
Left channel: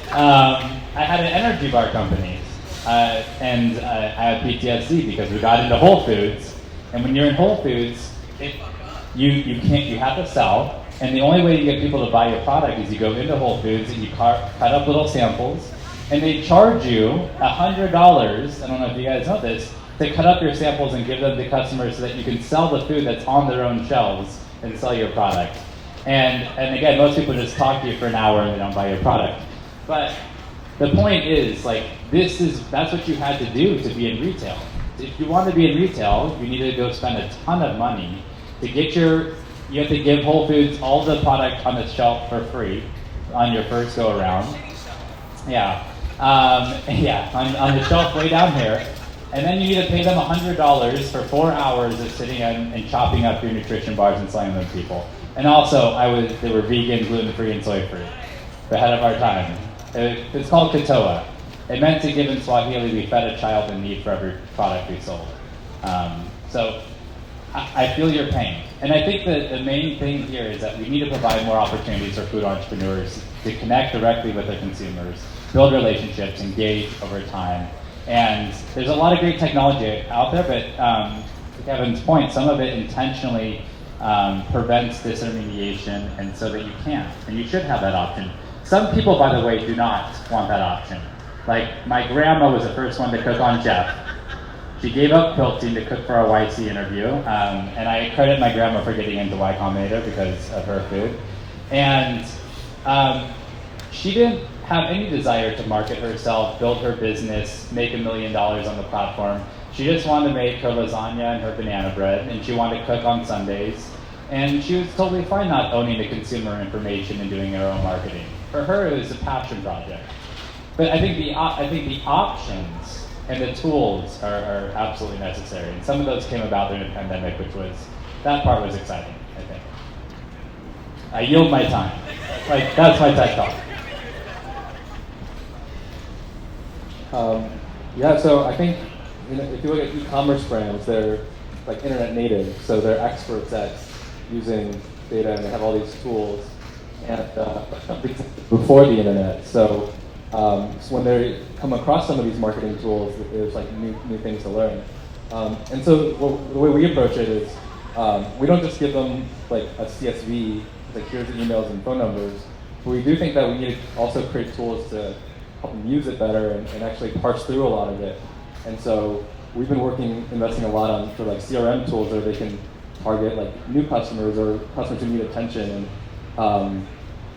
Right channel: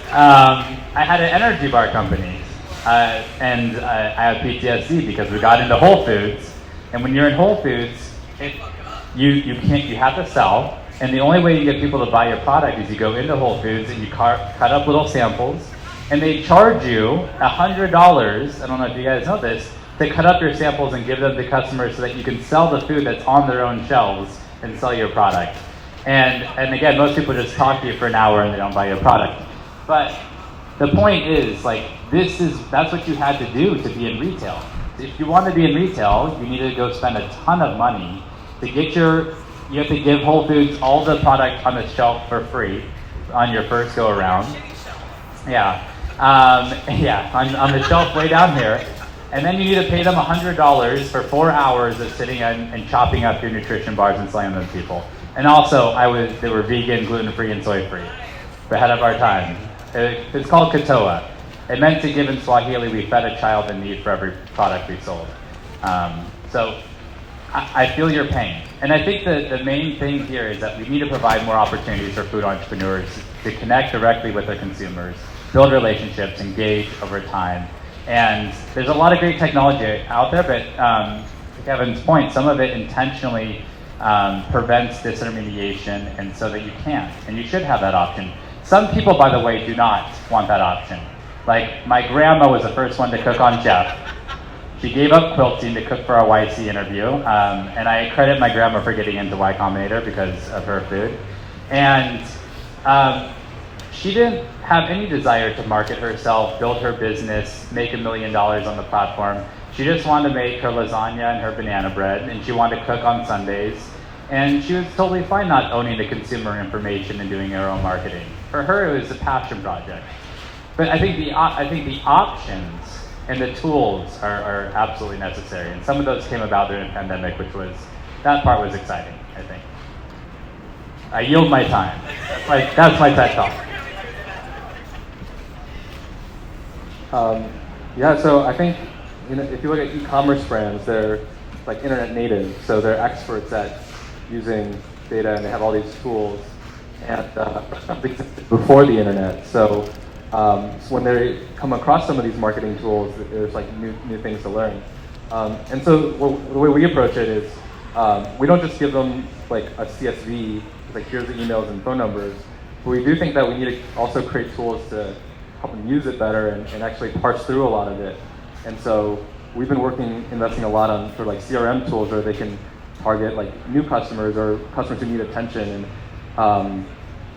talk. I had an energy bar company, and I have PTSD because we got into Whole Foods, and when you're in Whole Foods, you have to sell, and the only way you get people to buy your product is you go into Whole Foods and you cut up little samples, and they charge you $100. I don't know if you guys know this, to cut up your samples and give them to customers so that you can sell the food that's on their own shelves and sell your product. And again, most people just talk to you for an hour and they don't buy your product. But the point is, like, that's what you had to do to be in retail. If you want to be in retail, you need to go spend a ton of money to get you have to give Whole Foods all the product on the shelf for free on your first go around. Yeah. On the shelf way down here. And then you need to pay them $100 for 4 hours of sitting and chopping up your nutrition bars and selling them to people. And also, they were vegan, gluten-free, and soy-free. We're ahead of our time. It's called Katoa. It meant to give in Swahili, we fed a child in need for every product we sold. So I feel your pain. And I think the main thing here is that we need to provide more opportunities for food entrepreneurs to connect directly with their consumers, build relationships, engage over time. And there's a lot of great technology out there, but to Kevin's point, some of it intentionally prevents disintermediation, and so that you can't, and you should have that option. Some people, by the way, do not want that option. Like, my grandma was the first one to cook on Shef. She gave up quilting to cook for our YC interview, and I credit my grandma for getting into Y Combinator because of her food. And she didn't have any desire to market herself, build her business, make $1 million on the platform. She just wanted to make her lasagna and her banana bread, and she wanted to cook on Sundays. And she was totally fine not owning the consumer information and doing her own marketing. For her, it was a passion project. But I think the options and the tools are absolutely necessary. And some of those came about during the pandemic, that part was exciting, I think. I yield my time. That's my TED Talk. So I think if you look at e-commerce brands, they're like internet native, so they're experts at using data, and they have all these tools and before the internet. So when they come across some of these marketing tools, there's like new things to learn. And so the way we approach it is we don't just give them like a CSV, like here's the emails and phone numbers. But we do think that we need to also create tools to help them use it better and actually parse through a lot of it. And so we've been investing a lot on for like CRM tools where they can target like new customers or customers who need attention. And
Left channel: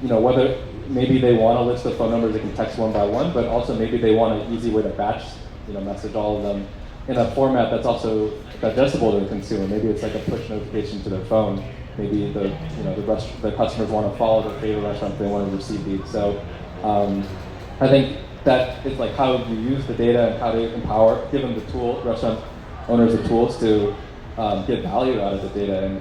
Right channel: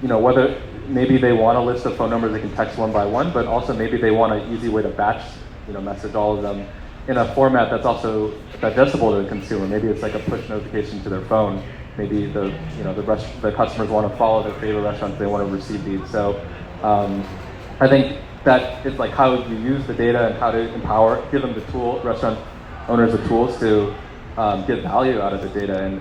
whether maybe they want a list of phone numbers they can text one by one, but also maybe they want an easy way to batch message all of them in a format that's also digestible to the consumer. Maybe it's like a push notification to their phone. Maybe the customers want to follow their favorite restaurant if they want to receive these. So I think that is like how you use the data and how to give them the tool, restaurant owners the tools to get value out of the data.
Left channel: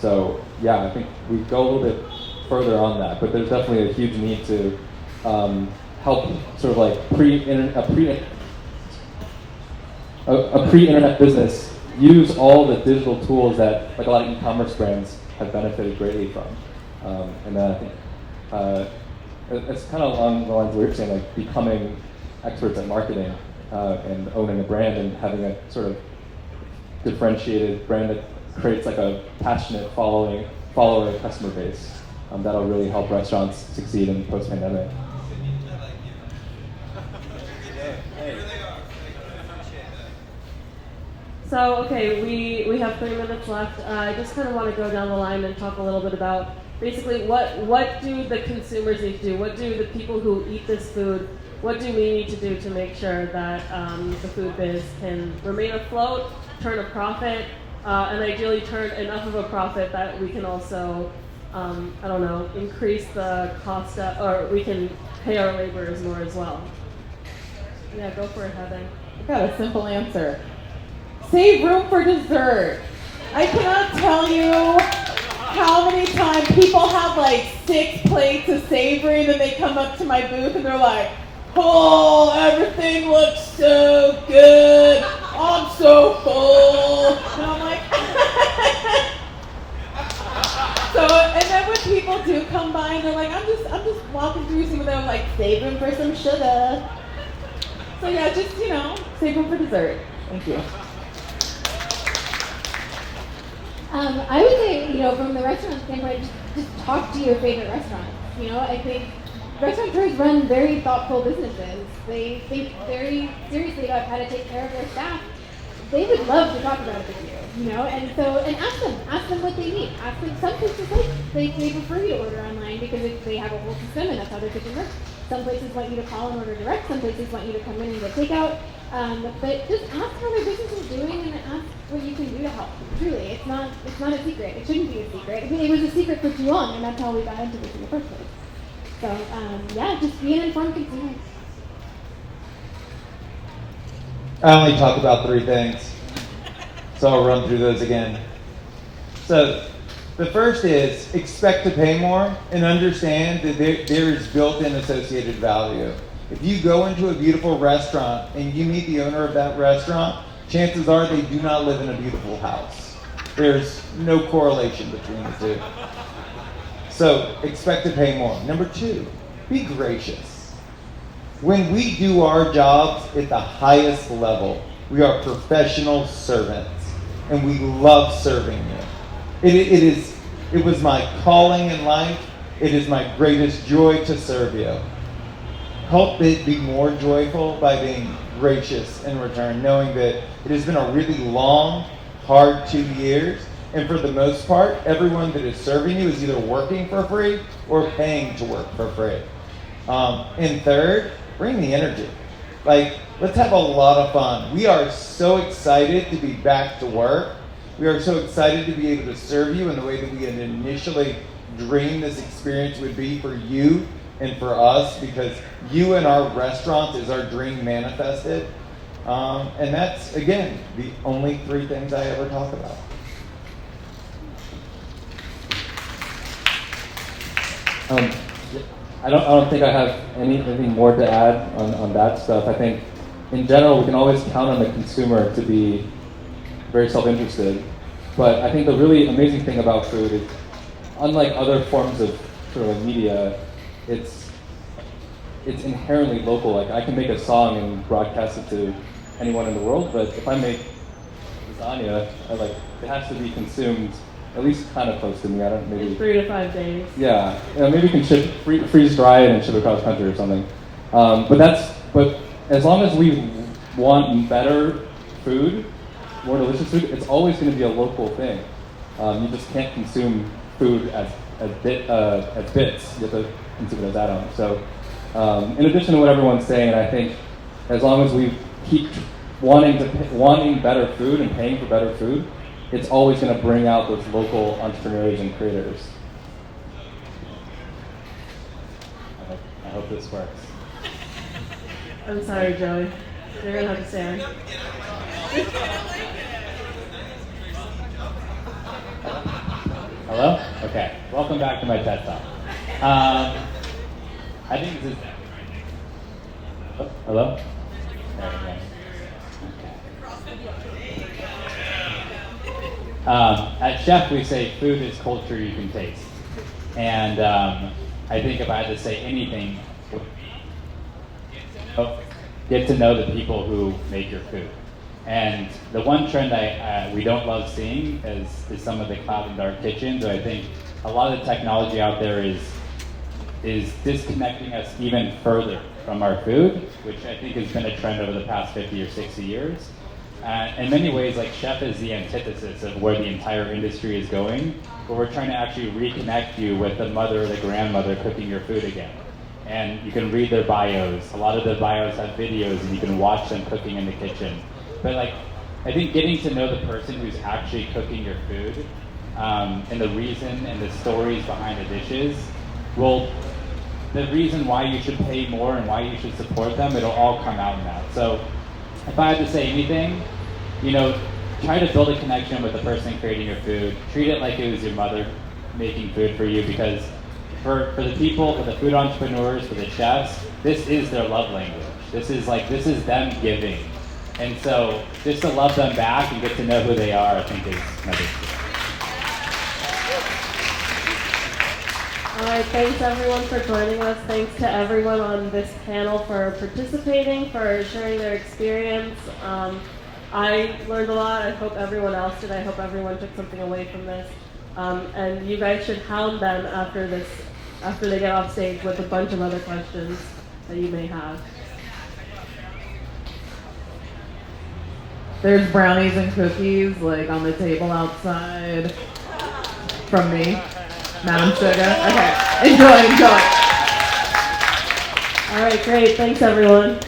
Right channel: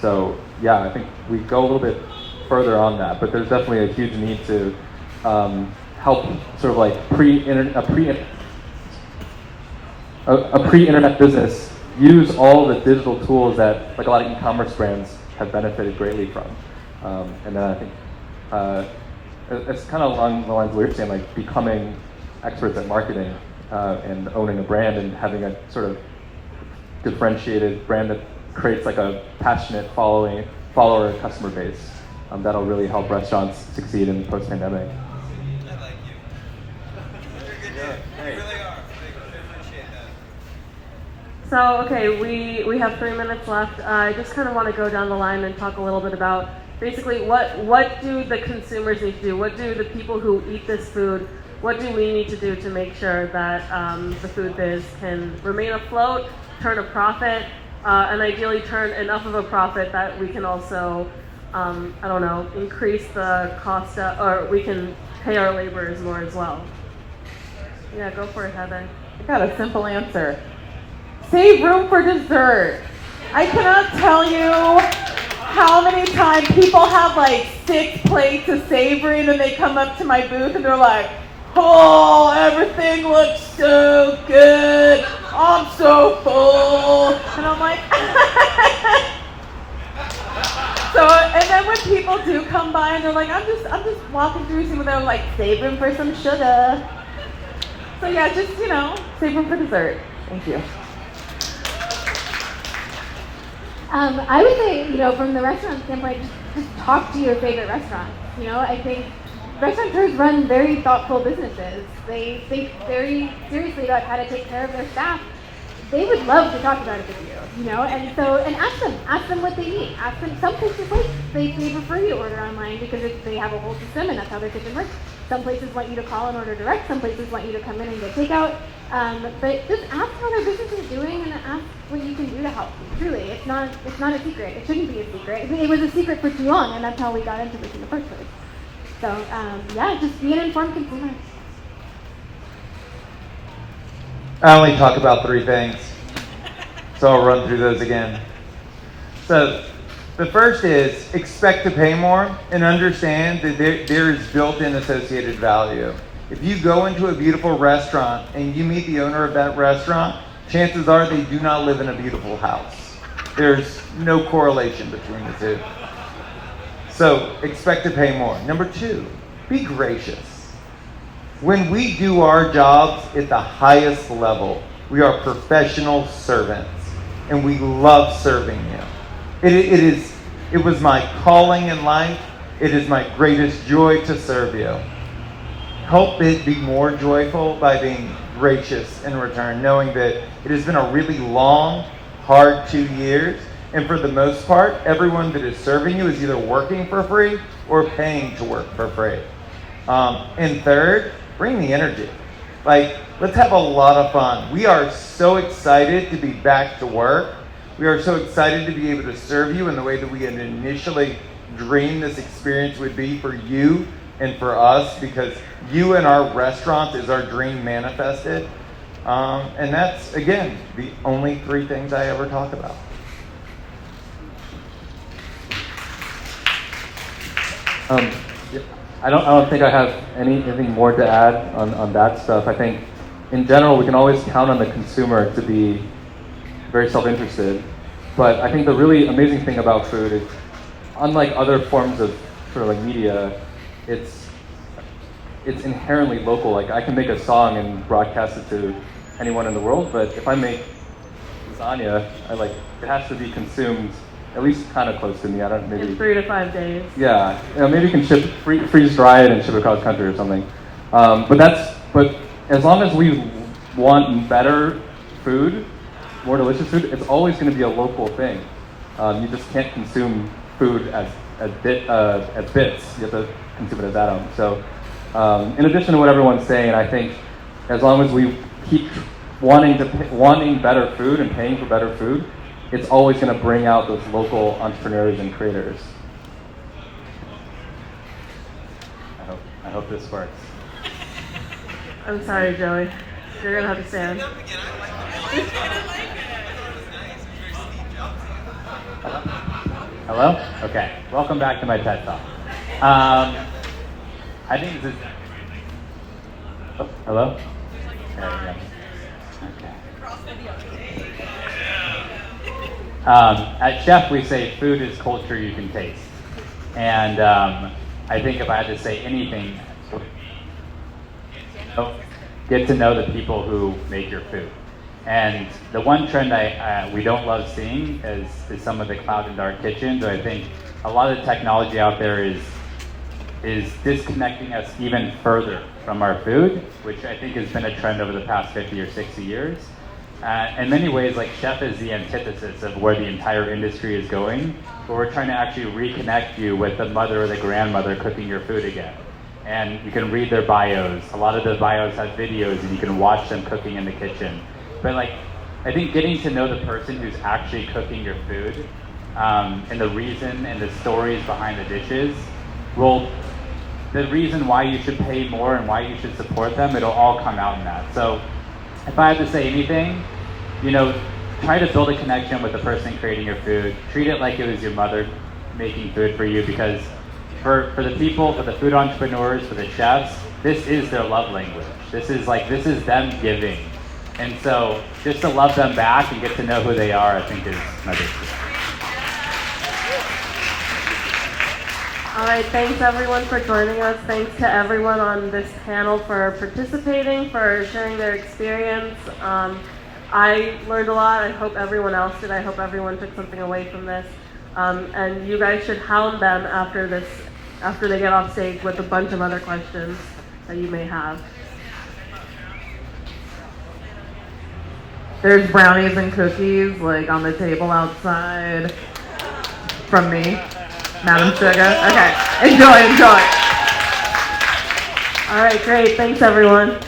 So yeah, I think we go a little bit further on that, but there's definitely a huge need to help sort of like a pre-internet business use all the digital tools that like a lot of e-commerce brands have benefited greatly from. And then I think it's kind of along the lines of what you're saying, like becoming experts at marketing and owning a brand and having a sort of differentiated brand that creates like a passionate follower customer base. That'll really help restaurants succeed in post-pandemic. I like you. You're good, dude. You really are. I appreciate that. So, okay, we have 3 minutes left. I just kind of want to go down the line and talk a little bit about basically what do the consumers need to do? What do the people who eat this food, what do we need to do to make sure that the food biz can remain afloat, turn a profit, and ideally turn enough of a profit that we can also, increase the cost, or we can pay our laborers more as well. Yeah, go for it, Heather. I got a simple answer. Save room for dessert. I cannot tell you how many times people have like 6 plates of savory and then they come up to my booth and they're like, oh, everything looks so good. I'm so full. And I'm like, so, and then when people do come by and they're like, I'm just walking through some of them like saving for some sugar. So yeah, just, save room for dessert. Thank you. I would say, from the restaurant standpoint, just talk to your favorite restaurants. I think restaurateurs run very thoughtful businesses. They think very seriously about how to take care of their staff. They would love to talk about it with you, and ask them what they need. Ask them. Some places they prefer you to order online because they have a whole system and that's how their kitchen works. Some places want you to call and order direct. Some places want you to come in and get takeout. But just ask how their business is doing and ask what you can do to help. Truly, it's not a secret. It shouldn't be a secret. It was a secret for too long, and that's how we got into this in the first place. So just be an informed consumer. I only talk about 3 things, so I'll run through those again. So the first is expect to pay more and understand that there is built-in associated value. If you go into a beautiful restaurant and you meet the owner of that restaurant, chances are they do not live in a beautiful house. There's no correlation between the two. So expect to pay more. Number 2, be gracious. When we do our jobs at the highest level, we are professional servants, and we love serving you. It was my calling in life. It is my greatest joy to serve you. help it be more joyful by being gracious in return, knowing that it has been a really long, hard 2 years, and for the most part, everyone that is serving you is either working for free or paying to work for free. And third, bring the energy. Like, let's have a lot of fun. We are so excited to be back to work. We are so excited to be able to serve you in the way that we had initially dreamed this experience would be for you and for us, because you and our restaurant is our dream manifested. And that's, again, the only 3 things I ever talk about. I don't think I have anything more to add on that stuff. I think in general we can always count on the consumer to be very self-interested. But I think the really amazing thing about food is, unlike other forms of sort of like media, it's inherently local. Like, I can make a song and broadcast it to anyone in the world, but if I make lasagna, it has to be consumed at least kind of close to me. I don't maybe In 3 to 5 days. Yeah, maybe you can freeze dry it and ship it across country or something. But as long as we want better food, more delicious food, it's always going to be a local thing. You just can't consume food as bits. You have to consume it as atoms. So, in addition to what everyone's saying, I think as long as we keep wanting better food and paying for better food, it's always going to bring out those local entrepreneurs and creators. I hope this works. I'm sorry, Joey. You're gonna have to stand. Hello? Okay. Welcome back to my TED Talk. I think this is... Oh, hello? There we go. At Shef, we say food is culture you can taste. And I think if I had to say anything, get to know the people who make your food. And the one trend we don't love seeing is some of the cloud and dark kitchens. I think a lot of the technology out there is disconnecting us even further from our food, which I think has been a trend over the past 50 or 60 years. In many ways, like, Shef is the antithesis of where the entire industry is going, where we're trying to actually reconnect you with the mother or the grandmother cooking your food again. And you can read their bios. A lot of the bios have videos, and you can watch them cooking in the kitchen. But I think getting to know the person who's actually cooking your food, and the reason and the stories behind the dishes, the reason why you should pay more and why you should support them, it'll all come out in that. So if I had to say anything, try to build a connection with the person creating your food. Treat it like it was your mother making food for you, because for the people, for the food entrepreneurs, for the chefs, this is their love language. This is them giving. And so just to love them back and get to know who they are, I think is my big deal. All right, thanks everyone for joining us. Thanks to everyone on this panel for participating, for sharing their experience. I learned a lot. I hope everyone else did. I hope everyone took something away from this. And you guys should hound them after they get off stage with a bunch of other questions that you may have. There's brownies and cookies on the table outside from me. Madam Shugah. Okay, enjoy. All right, great. Thanks everyone.